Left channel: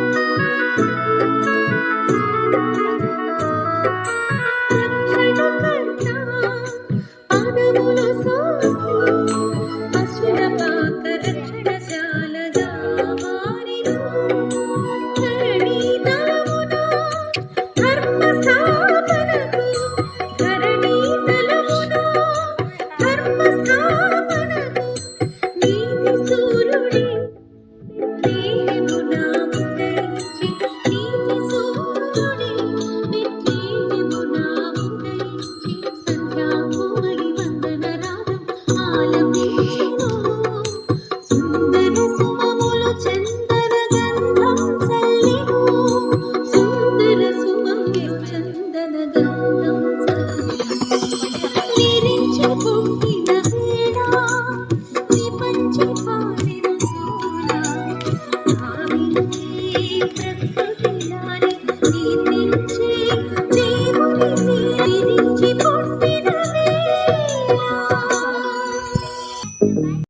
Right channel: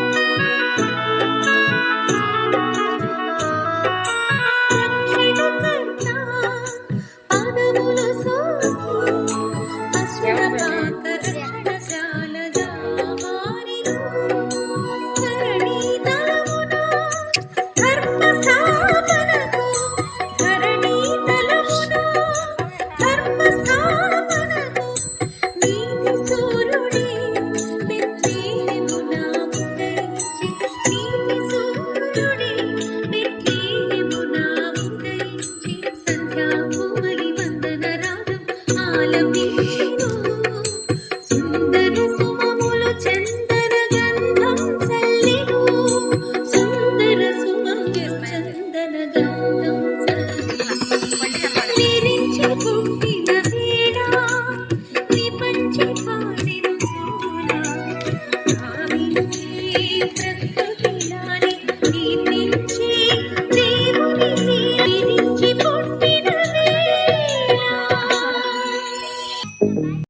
感觉。చందన